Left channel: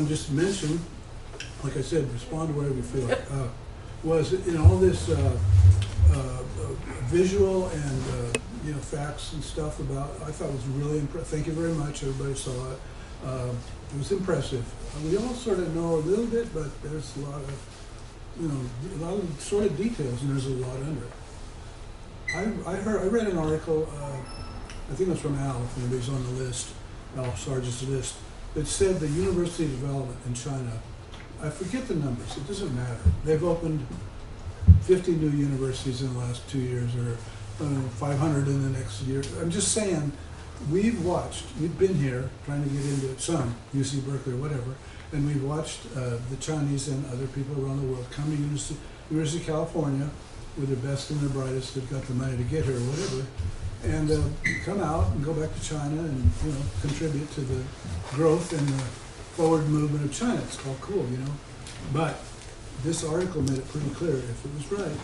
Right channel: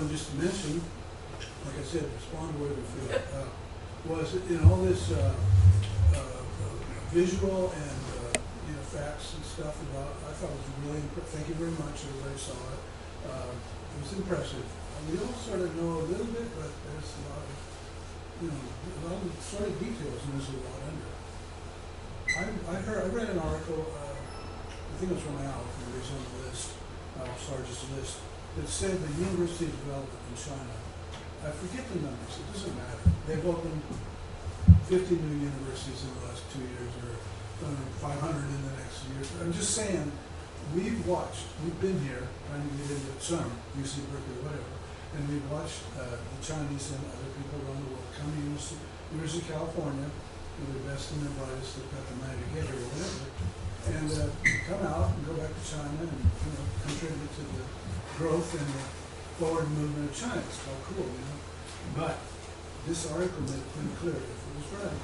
want to just mention, like I said, respond wherever you feel, was in all this visual and facts and stuff about. I thought it was really impressive. Thank you very much. Everybody saw it. It was impressive. We all sort of know a little bit, but there's a lot of sort of details, and there's a lot under it. I read an article. I think it was from Al, who was on the list, Al Sargent's list, that said the university development in China. I forget the numbers. It doesn't matter. They've opened 50 new universities in the last 2 years, or 500 in the next year. I'm just saying, we've been here trying to get into some, UC Berkeley or whatever, and we've watched the Chinese and other people around the world come to University of California with their best and their brightest. They've got the money to get here or whatever, and come out and go back to China and contribute to the growth and the forward movement of China. It's all cool, But this article made it pretty clear, if it was right,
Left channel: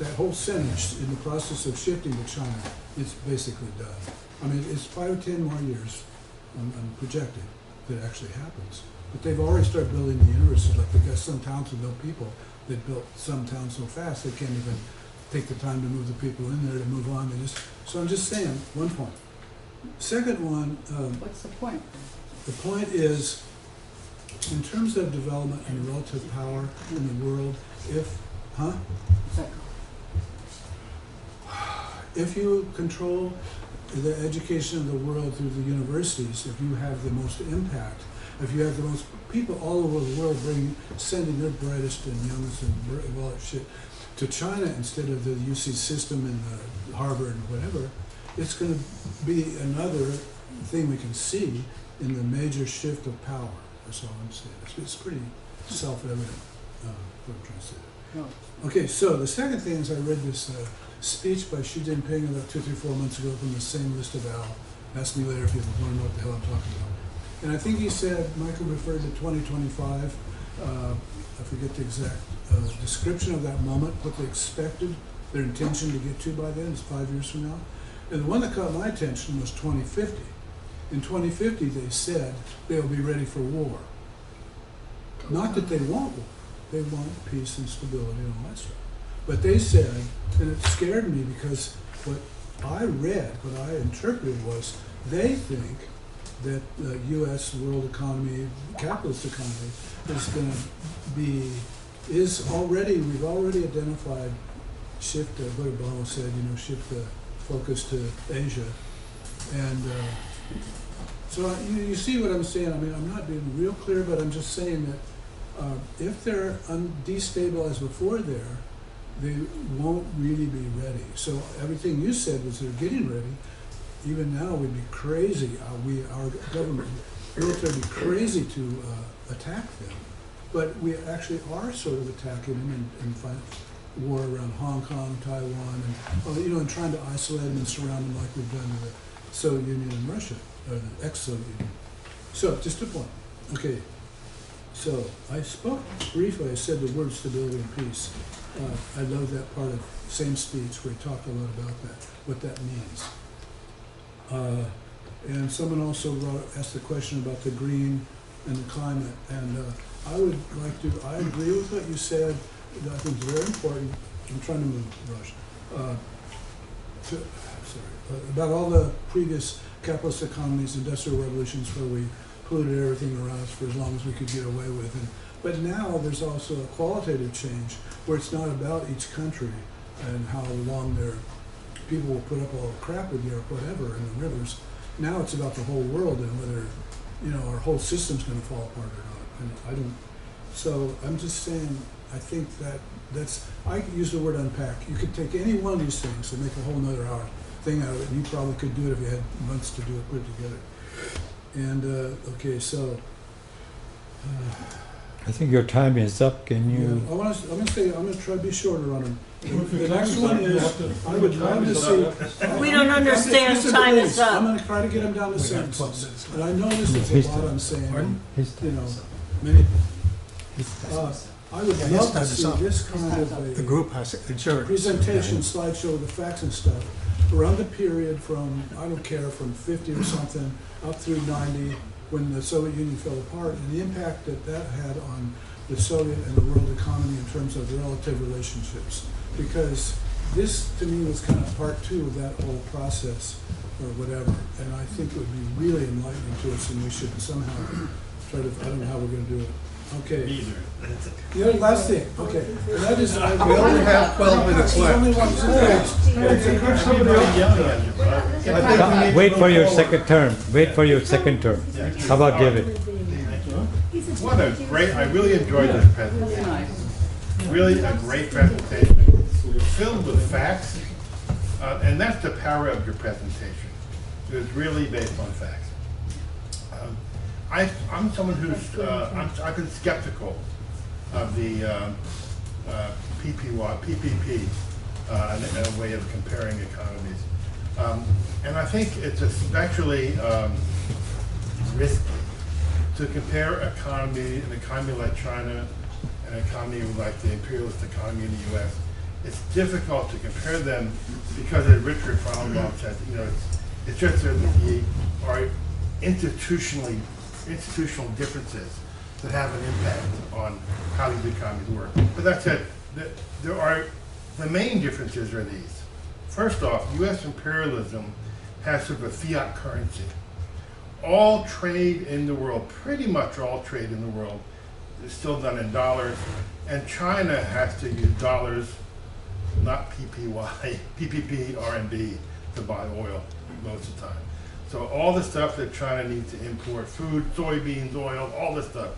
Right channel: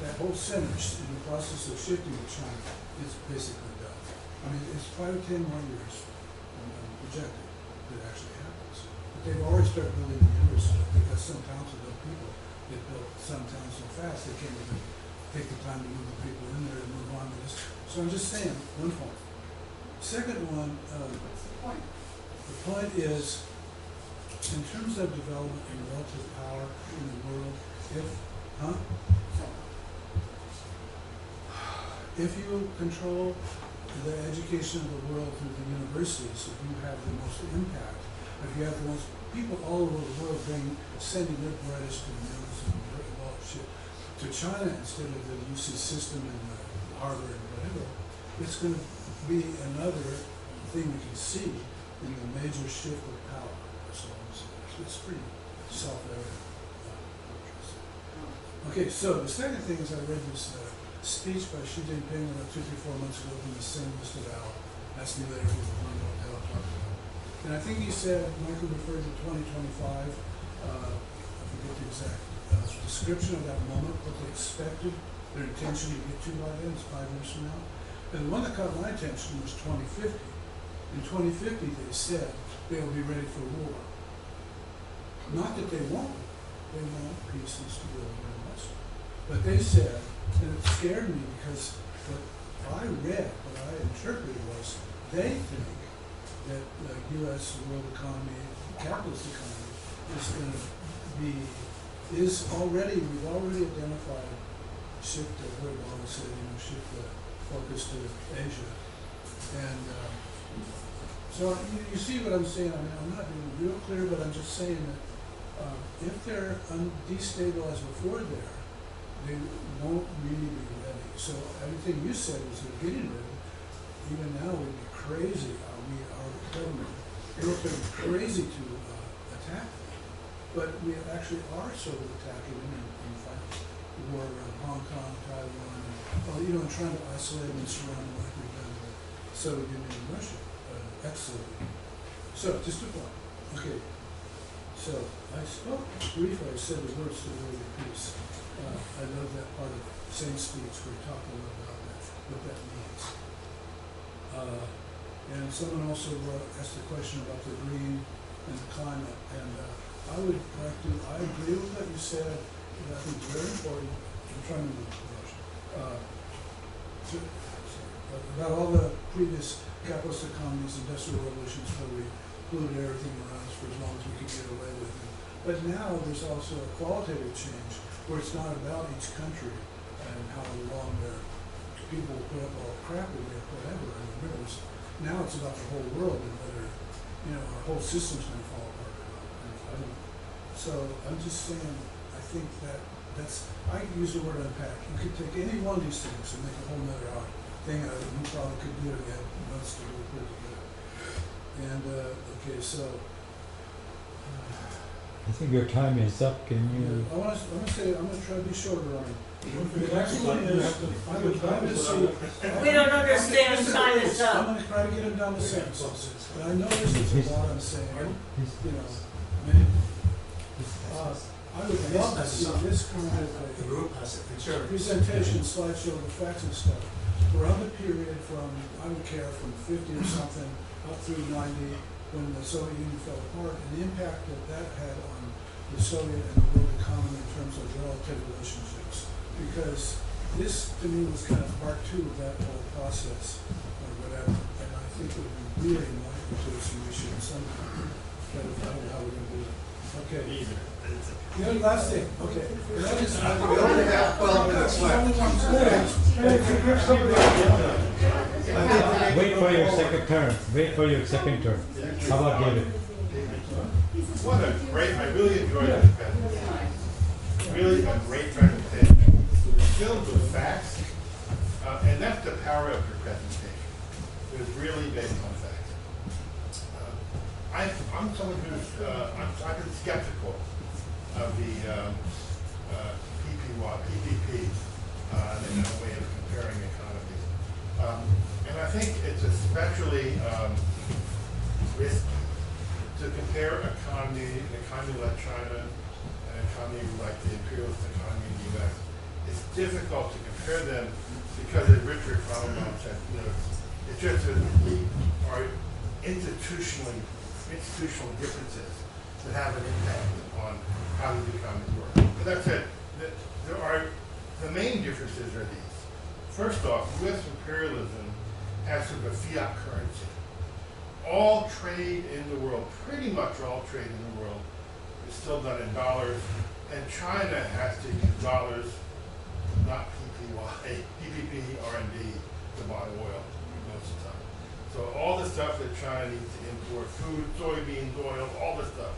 that whole sentence in the process of shifting to China is basically done. I mean, it's 5 or 10 more years, I'm projecting, that it actually happens. But they've already started building the universities. Like they've got some towns with no people that built some towns so fast they can't even take the time to move the people in there to move on. So I'm just saying, one point. Second one. What's the point? The point is, in terms of development and relative power in the world, if you control the education of the world through the universities, if you have the most impact, if you have the most people all over the world sending their brightest and youngest and shit to China instead of the UC system and the Harvard and whatever, it's going to be another thing we can see in the major shift of power. That's all I'm saying. It's pretty self-evident what I'm trying to say. Okay, so the second thing is I read this speech by Xi Jinping about 2, 3, 4 months ago from the same list of Al. Ask me later if you want to know what the hell I'm talking about. And I think he said, Michael referred to 2025, I forget the exact description of that moment, what they expected, their intention to get to by then, it's 5 years from now. And the one that caught my attention was 2050. In 2050, they said they'll be ready for war. Not that they won't war. They want peace and stability and all that stuff. But they said, and it scared me because what I read, what I interpreted was, they think that the U.S. world economy, capitalist economy, is going to be, we've already identified shift, Brother Ball said, shift the focus to Asia. And so you see what I'm saying. I mean, I'm not being real clear, but I'm just saying that if they're destabilized before there, they won't really be ready. So everything you said was they're getting ready. Even now, we'd be crazy. Our government, military, would be crazy to attack them. But we actually are sort of attacking them and fighting war around Hong Kong, Taiwan, and trying to isolate them and surround them like we've done with the Soviet Union and Russia, ex-Soviet Union. So, just a point. Okay. So I spoke briefly. I said the word stability and peace. I love that part of the same speech where he talked a lot about that, what that means. And someone also asked the question about the green and the climate, and I agree with what you said. I think it's very important. I'm trying to rush. About all the previous capitalist economies, industrial revolutions, where we polluted everything around us for as long as we could get away with it. But now there's also a qualitative change where it's not about each country and how long their people will put up all the crap with Europe, whatever, in the rivers. Now it's about the whole world and whether our whole system's going to fall apart or not. And so I'm just saying, I think I use the word unpack. You could take any one of these things and make a whole nother hour thing out of it. You probably could do it if you had months to do it, put it together. And okay, so I think your time is up. Can you? I want to say I'm going to try to be shorter on it. The next one is I would love to see. We don't understand time is up. I'm going to try to get them down to sentences. And I know this is a lot I'm saying. Many. I would love to see this kind of the group has presentation, slideshow of the facts and stuff around the period from, I don't care, from 50 or something up through 90, when the Soviet Union fell apart, and the impact that that had on the Soviet and the world economy in terms of relative relationships. Because this, to me, was kind of part two of that whole process, or whatever. And I think it would be really enlightening to us, and we should somehow try to, I don't know how we're going to do it. Okay. Either. The other last thing, okay. And that is, We only have 12 minutes there's only left. one more. Wait for your second term. Wait for your second term. How about David? What a great, I really enjoyed this presentation. Really a great presentation. Filled with facts, and that's the power of your presentation. It was really based on facts. I'm someone who's, I've been skeptical of the PPP in a way of comparing economies. And I think it's especially risky to compare an economy like China, an economy like the imperialist economy in the U.S. It's difficult to compare them because, as Richard Frauenbaum said, you know, it's just that we are institutional differences that have an impact on how these economies work. But that said, the main differences are these. First off, U.S. imperialism has sort of a fiat currency. All trade in the world, pretty much all trade in the world, is still done in dollars, and China has to use dollars, not PPP, RMB, to buy oil most of the time. So all the stuff that China needs to import, food, soybeans, oil, all this stuff,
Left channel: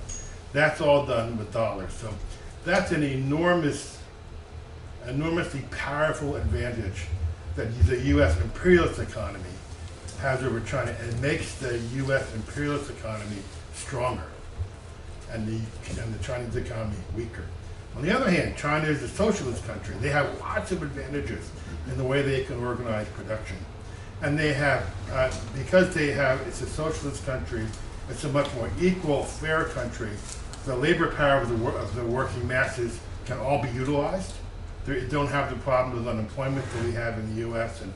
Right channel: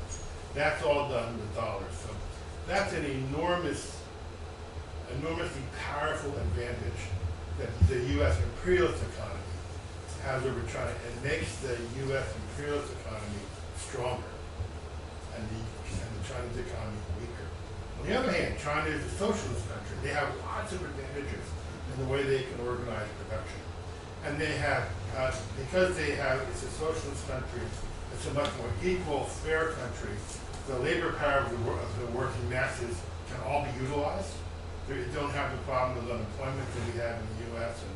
that's all done with dollars. So that's an enormously powerful advantage that the U.S. imperialist economy has over China. It makes the U.S. imperialist economy stronger and the Chinese economy weaker. On the other hand, China is a socialist country. They have lots of advantages in the way they can organize production. And they have, because it's a socialist country, it's a much more equal, fair country. The labor power of the working masses can all be utilized. They don't have the problem with unemployment that we have in the U.S. and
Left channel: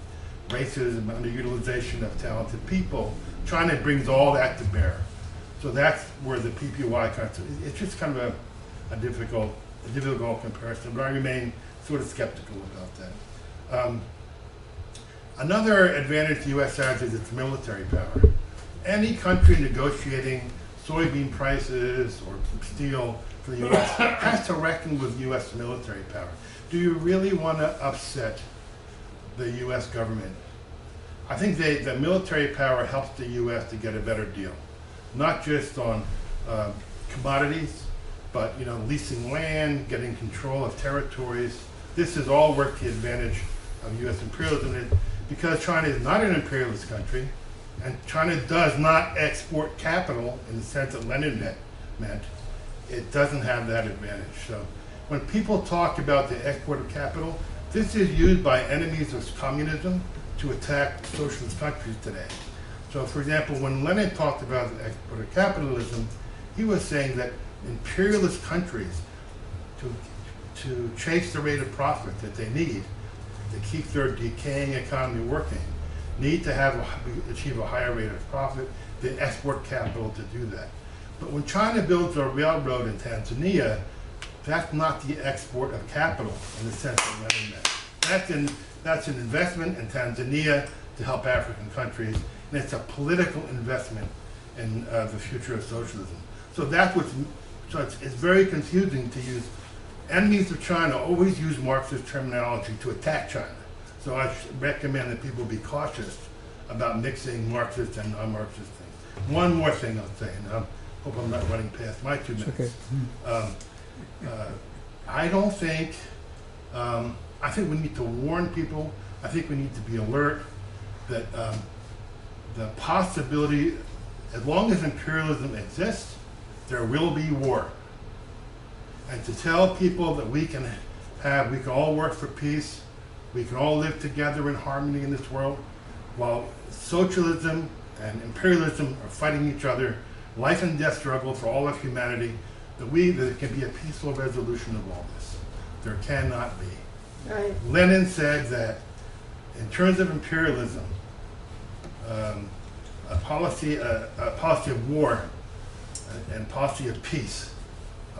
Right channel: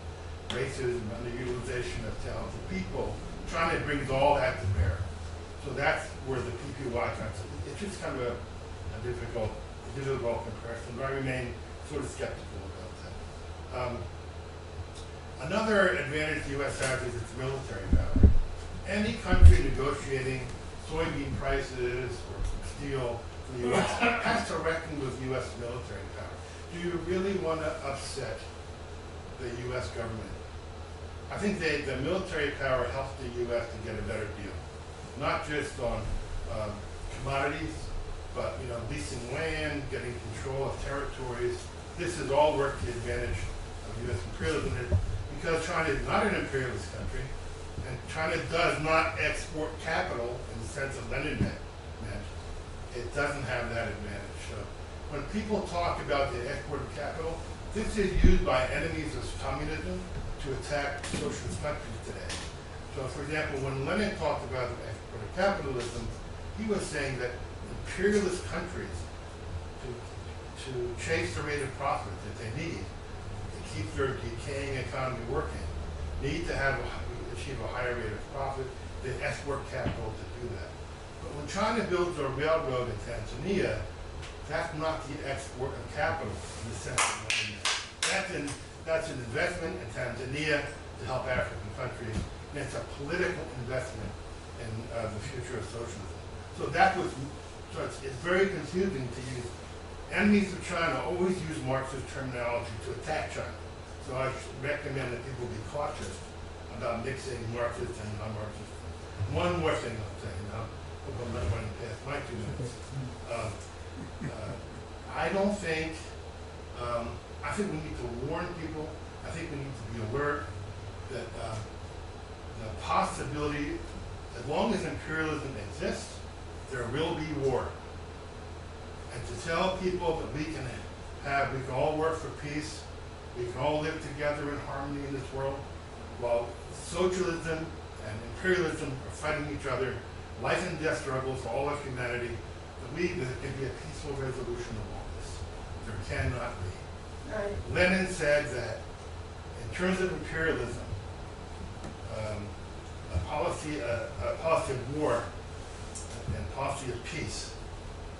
racism and underutilization of talented people. China brings all that to bear. So that's where the PPY comes. It's just kind of a difficult comparison, but I remain sort of skeptical about that. Another advantage the U.S. has is its military power. Any country negotiating soybean prices or steel for the U.S. has to reckon with U.S. military power. Do you really want to upset the U.S. government? I think the military power helps the U.S. to get a better deal, not just on commodities, but leasing land, getting control of territories. This has all worked to the advantage of U.S. imperialism because China is not an imperialist country, and China does not export capital in the sense that Lenin meant. It doesn't have that advantage. So when people talk about the export of capital, this is used by enemies of communism to attack socialist countries today. So for example, when Lenin talked about the export of capitalism, he was saying that imperialist countries, to chase the rate of profit that they need to keep their decaying economy working, need to achieve a higher rate of profit, they export capital to do that. But when China builds a railroad in Tanzania, that's not the export of capital in the sense that Lenin meant. That's an investment in Tanzania to help African countries, and it's a political investment in the future of socialism. So it's very confusing to use. Enemies of China always use Marxist terminology to attack China. So I recommend that people be cautious about mixing Marxist and non-Marxist things. One more thing I'll say, and I hope I'm not running past my 2 minutes. Okay. I don't think, I think we need to warn people. I think we need to be alert that the possibility, as long as imperialism exists, there will be war. And to tell people that we can all work for peace, we can all live together in harmony in this world, while socialism and imperialism are fighting each other, life and death struggle for all of humanity, that it can be a peaceful resolution of all this. There cannot be. Right. Lenin said that in terms of imperialism, a policy of war and policy of peace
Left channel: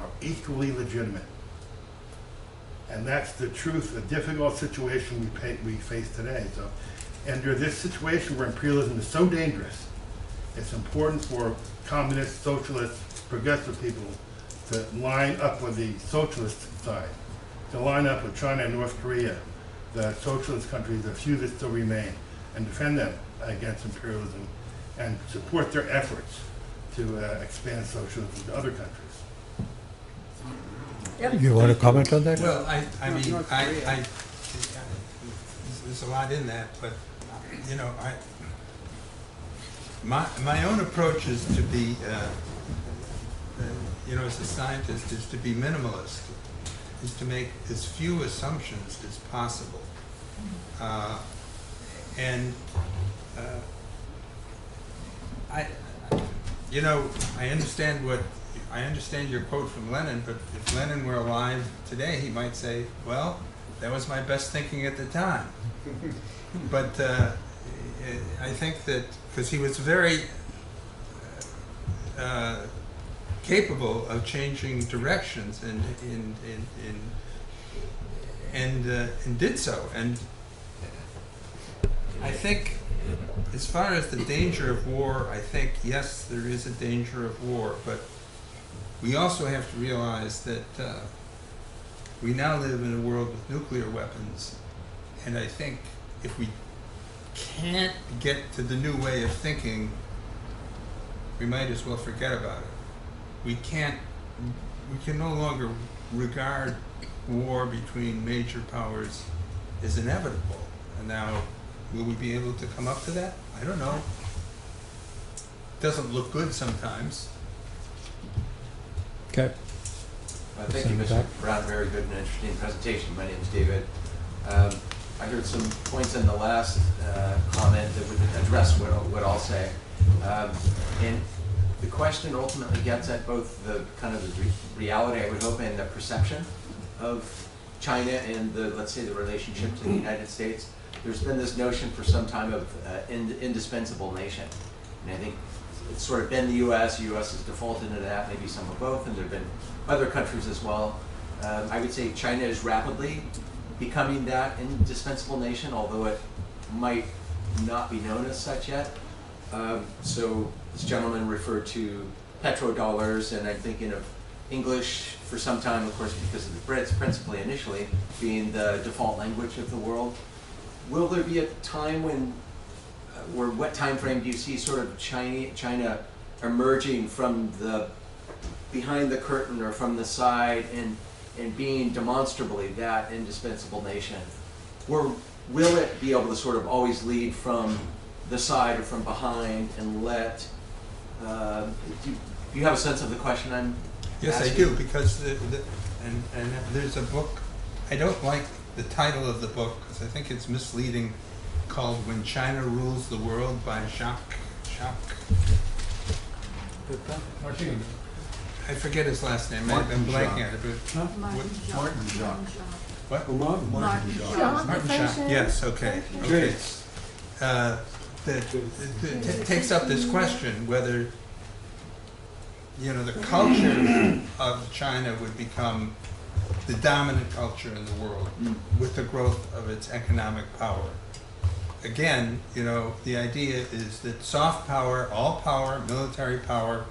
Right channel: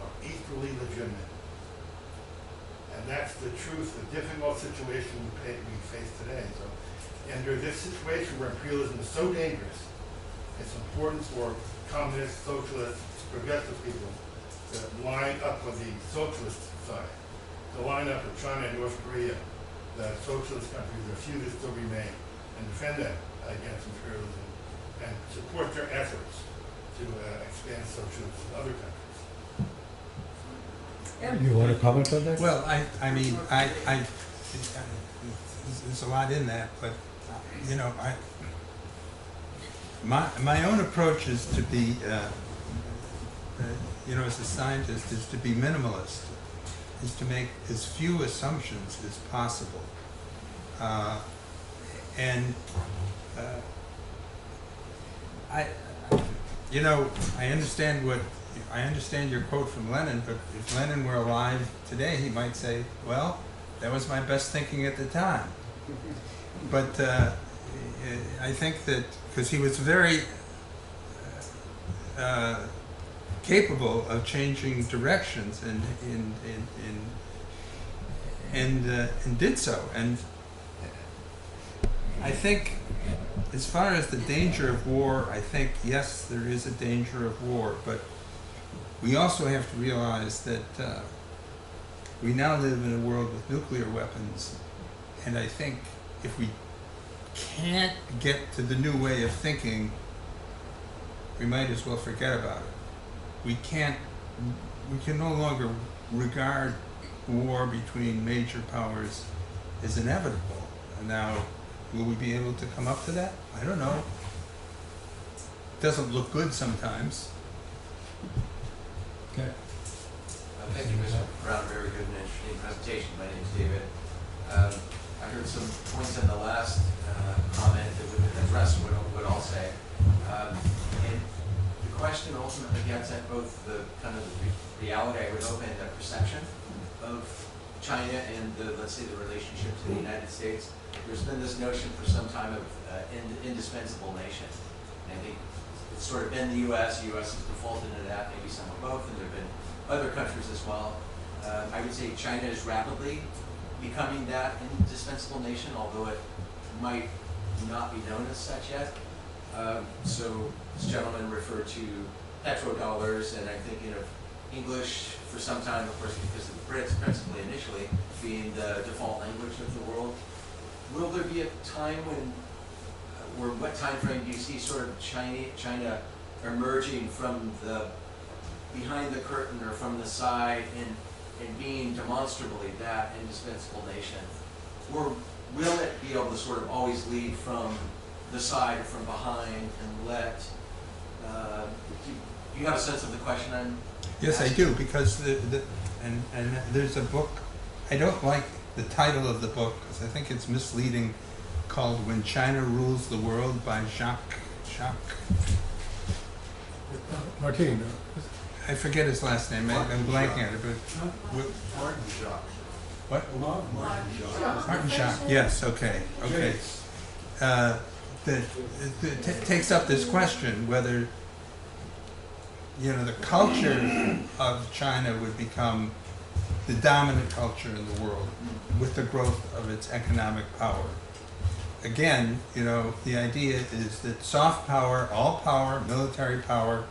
are equally legitimate. And that's the truth, the difficult situation we face today. So, under this situation where imperialism is so dangerous, it's important for communist, socialist, progressive people to line up with the socialist side, to line up with China and North Korea, the socialist countries, the few that still remain, and defend them against imperialism and support their efforts to expand socialism to other countries. You want to comment on that? Well, I mean, there's a lot in that, but, you know, my own approach is to be, you know, as a scientist, is to be minimalist, is to make as few assumptions as possible. You know, I understand your quote from Lenin, but if Lenin were alive today, he might say, well, that was my best thinking at the time. But I think that, because he was very capable of changing directions and did so. And I think, as far as the danger of war, I think, yes, there is a danger of war, but we also have to realize that we now live in a world with nuclear weapons, and I think if we can't get to the new way of thinking, we might as well forget about it. We can no longer regard war between major powers as inevitable. And now, will we be able to come up to that? I don't know. Doesn't look good sometimes. Okay. Well, thank you, Mr. Brown. Very good and interesting presentation. My name is David. I heard some points in the last comment that would address what I'll say. And the question ultimately gets at both the kind of the reality, I would hope, and the perception of China and the, let's say, the relationship to the United States. There's been this notion for some time of indispensable nation. And I think it's sort of been the U.S. The U.S. has defaulted into that, maybe some of both, and there have been other countries as well. I would say China is rapidly becoming that indispensable nation, although it might not be known as such yet. So this gentleman referred to petrodollars, and I'm thinking of English for some time, of course, because of the Brits, principally initially, being the default language of the world. Will there be a time when, or what time frame do you see sort of China emerging from the behind the curtain or from the side and being demonstrably that indispensable nation? Or will it be able to sort of always lead from the side or from behind and let, do you have a sense of the question I'm Yes, asking? I do, because and there's a book, I don't like the title of the book, because I think it's misleading, called When China Rules the World by Jacques Martin. I forget his last name, I'm blanking on it, but what? Martin Jacques, yes, okay. That takes up this question whether, you know, the culture of China would become the dominant culture in the world with the growth of its economic power. Again, you know, the idea is that soft power, all power, military power,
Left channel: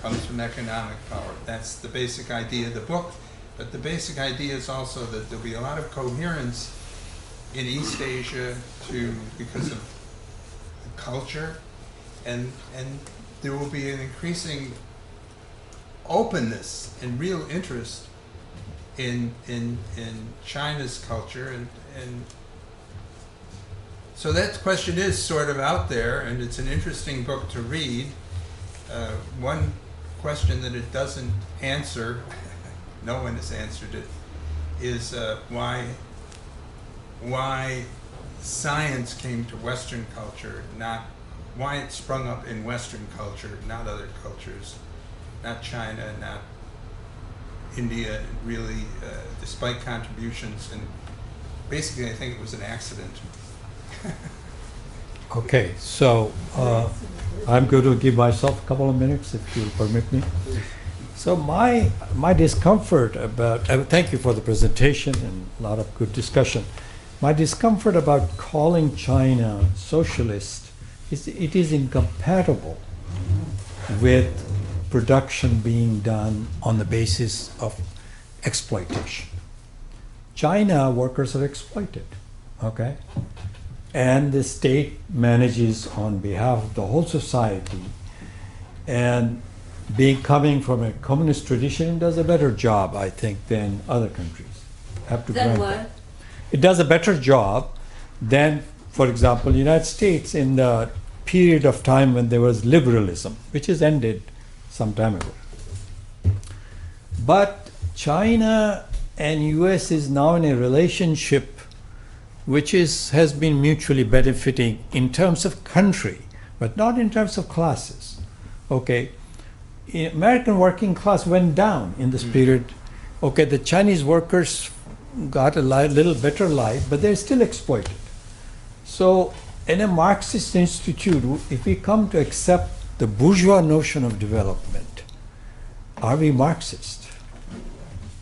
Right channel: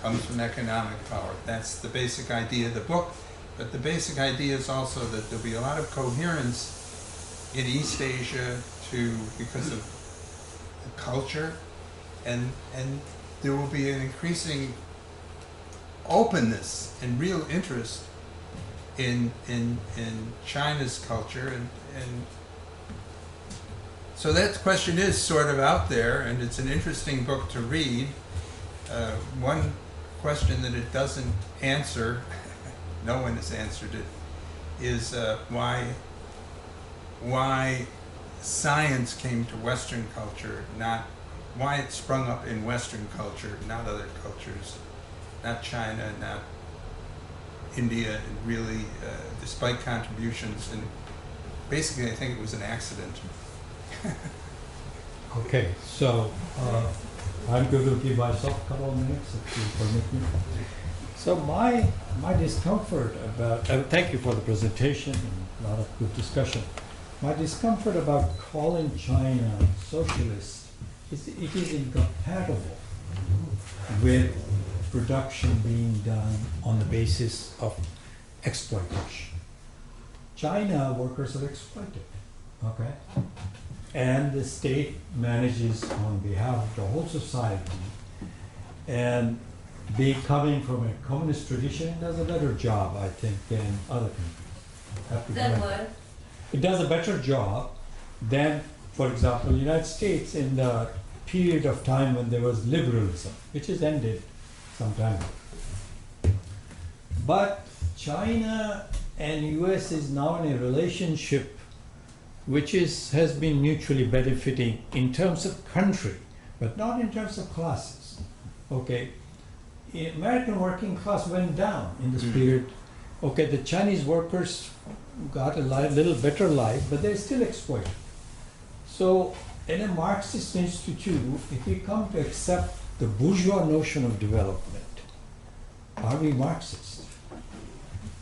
comes from economic power. That's the basic idea of the book, but the basic idea is also that there'll be a lot of coherence in East Asia because of the culture, and there will be an increasing openness and real interest in China's culture, and so that question is sort of out there, and it's an interesting book to read. One question that it doesn't answer, no one has answered it, is why science came to Western culture, not why it sprung up in Western culture, not other cultures, not China, not India, and really, despite contributions, and basically I think it was an accident. Okay, so I'm going to give myself a couple of minutes if you permit me. So my discomfort about, thank you for the presentation and a lot of good discussion. My discomfort about calling China socialist is it is incompatible with production being done on the basis of exploitation. China workers are exploited, okay? And the state manages on behalf of the whole society, and coming from a communist tradition, it does a better job, I think, than other countries. Have to Then grant what? that. It does a better job than, for example, the United States in the period of time when there was liberalism, which has ended some time ago. But China and US is now in a relationship which has been mutually benefiting in terms of country, but not in terms of classes. Okay, American working class went down in this period. Okay, the Chinese workers got a little better life, but they're still exploited. So in a Marxist institute, if we come to accept the bourgeois notion of development, are we Marxist?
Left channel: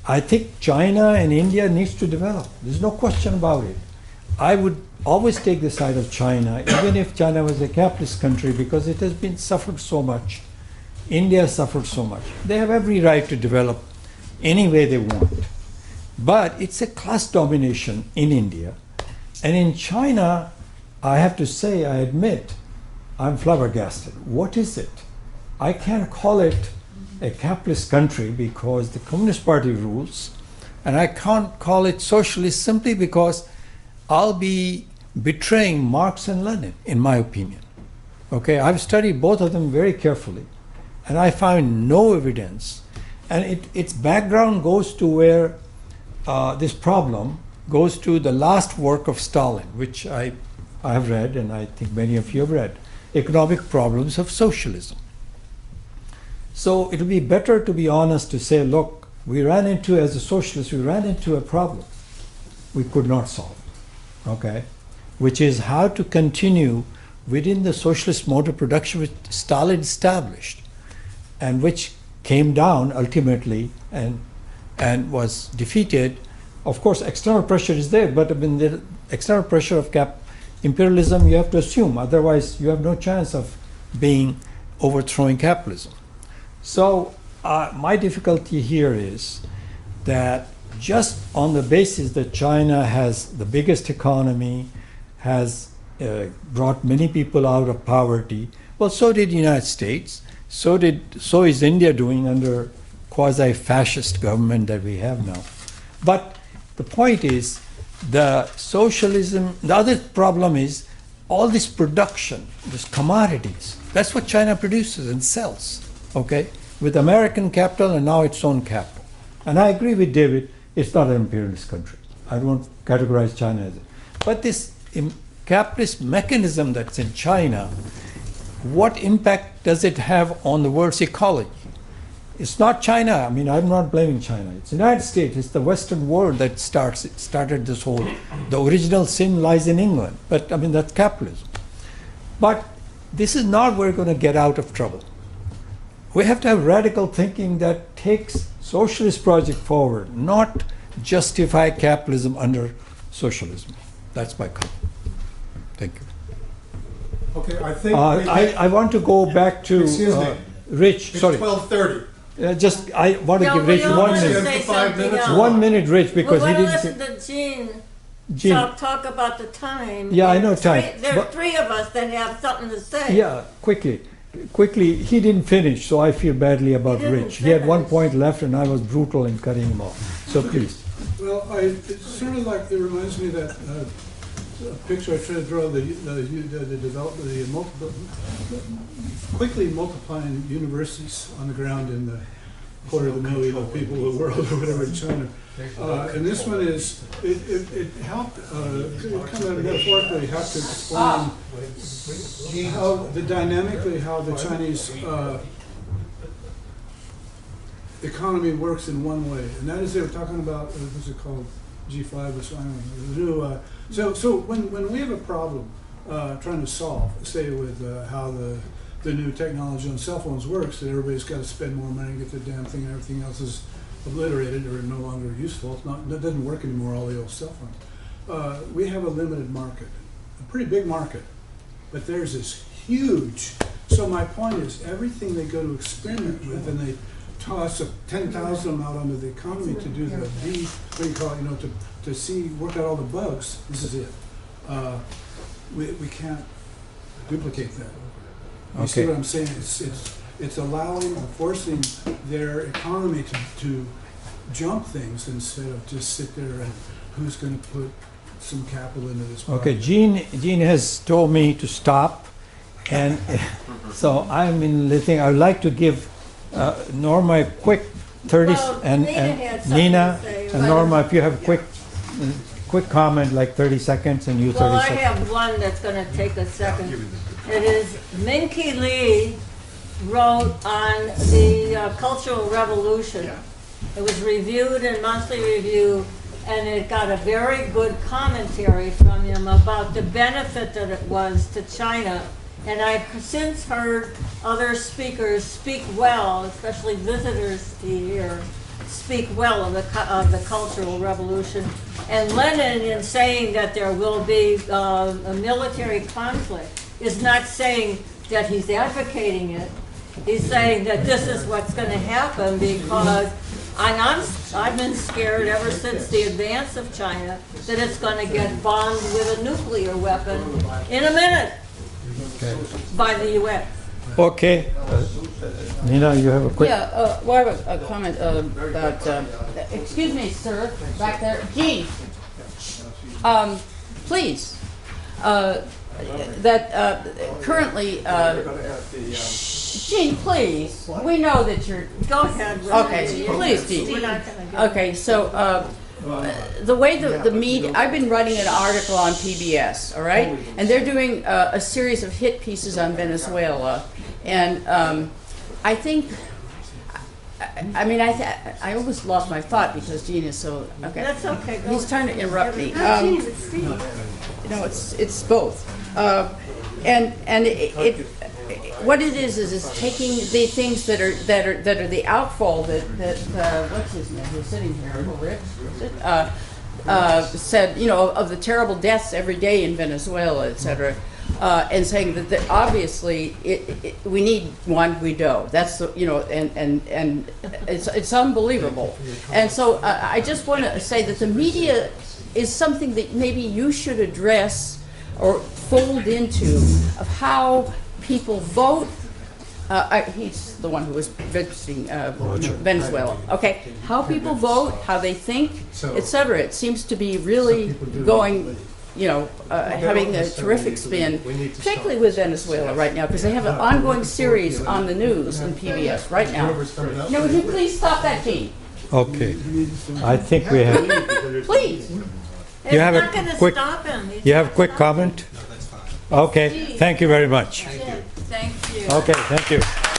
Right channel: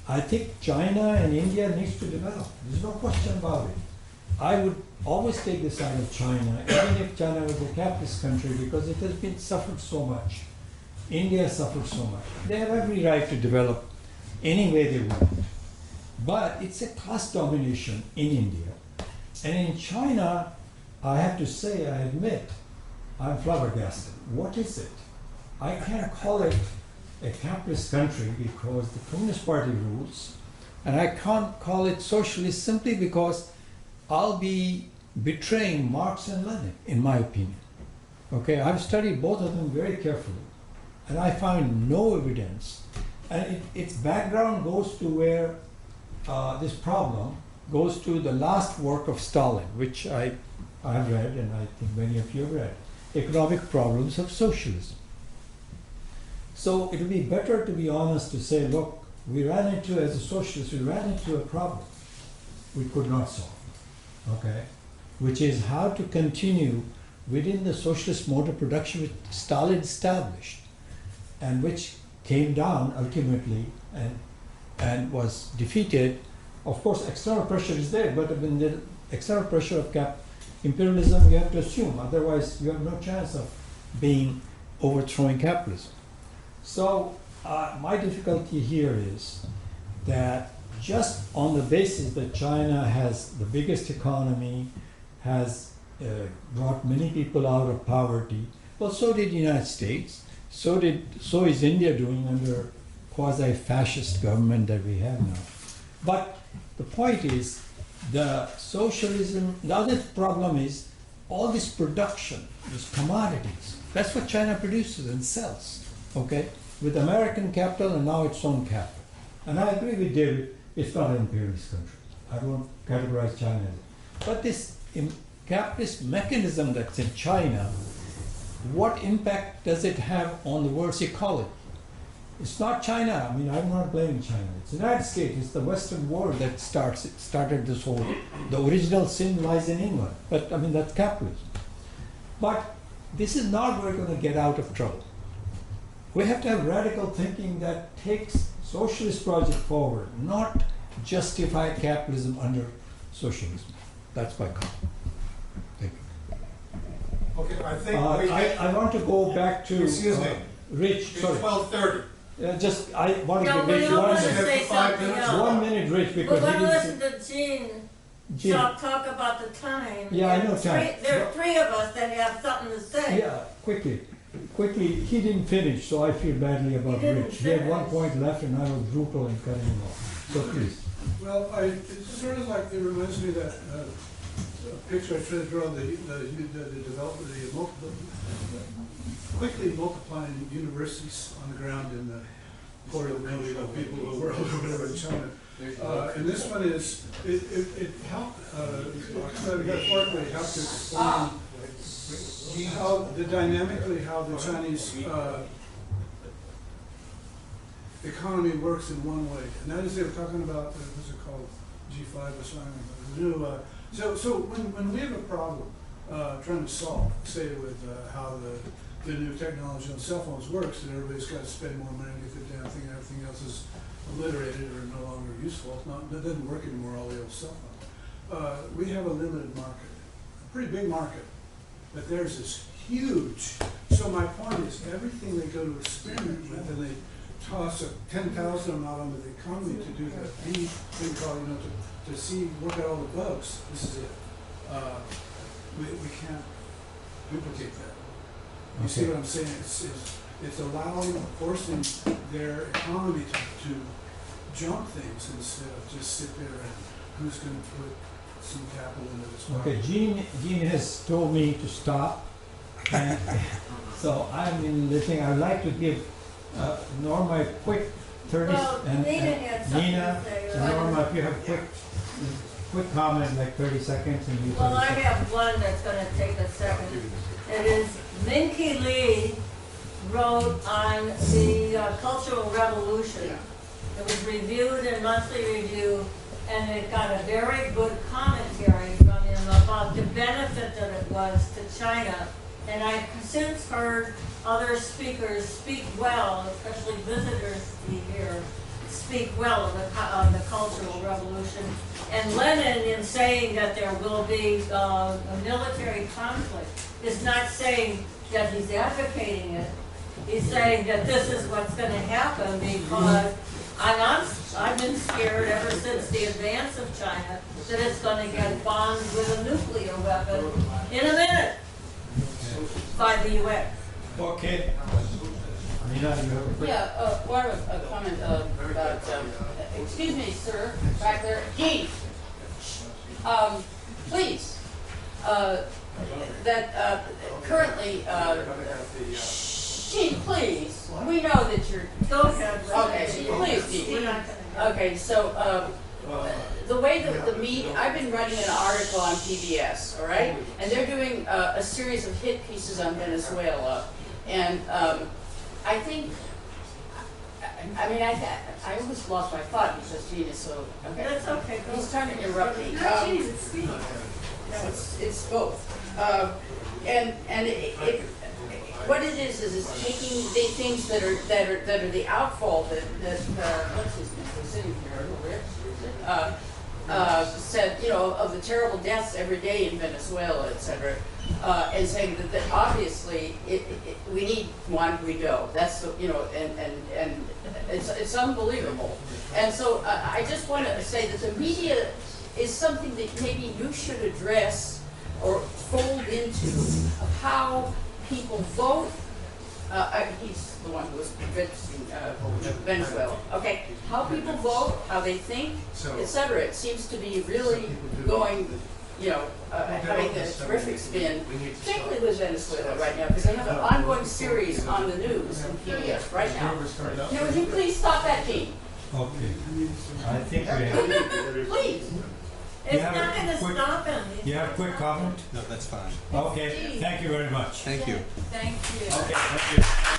I think China and India needs to develop. There's no question about it. I would always take the side of China, even if China was a capitalist country, because it has been suffered so much. India suffered so much. They have every right to develop any way they want. But it's a class domination in India. And in China, I have to say, I admit, I'm flabbergasted. What is it? I can't call it a capitalist country because the Communist Party rules, and I can't call it socialist simply because I'll be betraying Marx and Lenin, in my opinion. Okay, I've studied both of them very carefully, and I found no evidence. And its background goes to where this problem goes to the last work of Stalin, which I have read, and I think many of you have read, Economic Problems of Socialism. So it would be better to be honest to say, look, as a socialist, we ran into a problem we could not solve. Okay, which is how to continue within the socialist mode of production which Stalin established, and which came down ultimately and was defeated. Of course, external pressure is there, but I mean, the external pressure of imperialism you have to assume, otherwise you have no chance of overthrowing capitalism. So my difficulty here is that just on the basis that China has the biggest economy, has brought many people out of poverty, well, so did the United States, so is India doing under quasi-fascist government that we have now. But the point is, the other problem is all this production, these commodities, that's what China produces and sells, okay, with American capital and now its own capital. And I agree with David, it's not an imperialist country. I won't categorize China as it. But this capitalist mechanism that's in China, what impact does it have on the world's ecology? It's not China. I mean, I'm not blaming China. It's the United States. It's the Western world that started this whole. The original sin lies in England. But I mean, that's capitalism. But this is not where we're going to get out of trouble. We have to have radical thinking that takes socialist project forward, not justify capitalism under socialism. That's my comment. Thank you. Okay, I think I want to go back to Excuse me. Rich. it's Sorry, 12:30. I want to No, give we Rich don't 1 want to minute. say something else. 1 minute, Rich, because We're he going to didn't. listen to Gene. talk about the time. Yeah, I And know time, There are but- 3 of us that have something to say. Yeah, quickly. He didn't finish, so I feel badly about He didn't Rich. He had 1 finish. point left, and I was brutal in cutting him off. So please. Well, it's sort of like, it reminds me of that picture I tried to draw, the development, quickly multiplying universities on the ground in the 250,000 of people of the world or whatever in China. And this one is, it helped, it kind of metaphorically helped to explain how the Chinese economy works in one way. And that is, they were talking about, what's it called, G5 or something. So when we have a problem, trying to solve, say with how the new technology on cell phones works, that everybody's got to spend more money and get the damn thing, and everything else is obliterated or no longer useful. It doesn't work anymore, all the old cell phones. We have a limited market, a pretty big market, but there's this huge. So my point is, everything they go to experiment with, and they toss 10,000 out onto the economy to do the what do you call it, to see, work out all the bugs. This is it. We can't duplicate that. You see what I'm saying? It's allowing or forcing their economy to jump things instead of just sit there and who's going to put some capital into this project. Okay, Gene has told me to stop, and so I'm in listening. I would like to give Norma a quick 30 Well, and Nina had something Nina to say, and but- Norma, if you have quick comment, like 30 seconds, and you 30 Well, I seconds. have one that's gonna take a second. It is Minky Lee wrote on the Cultural Revolution. It was reviewed in Monthly Review, and it got a very good commentary from him about the benefit that it was to China. And I've since heard other speakers speak well, especially visitors here, speak well of the Cultural Revolution. And Lenin, in saying that there will be a military conflict, is not saying that he's advocating it. He's saying that this is what's going to happen because I've been scared ever since the advance of China that it's going to get bombed with a nuclear weapon in a minute by the U.S. Okay, Nina, you have a quick. Yeah, well, I have a comment about, excuse me, sir, back there. Gene, please, that currently, Gene, please, we know that you're, Go ahead. okay, please, Gene. We're not going to get Okay, so, the way the media, I've been writing an article on PBS, all right? And they're doing a series of hit pieces on Venezuela. And I think, I almost lost my thought because Gene is so, okay. That's okay. Go He's trying to interrupt me. No, Gene, it's Steve. No, it's both. And what it is it's taking the things that are the outfall that what's his name? Who's sitting here? Rick, said, of the terrible deaths every day in Venezuela, etc. And saying that obviously we need Juan Guaido. That's the, and it's unbelievable. And so I just want to say that the media is something that maybe you should address or fold into of how people vote. He's the one who was visiting Venezuela. Okay, how people vote, how they think, etc. It seems to be really going, having a terrific spin, particularly with Venezuela right now, because they have an ongoing series on the news on PBS right now. Now, would you please stop that, Gene? Okay, I think we have. Please. It's You have a not going to quick- stop him. He's You have not quick stopping. comment? No, that's fine. Okay, thank you very much. Thank you. Thank you. Okay, thank you.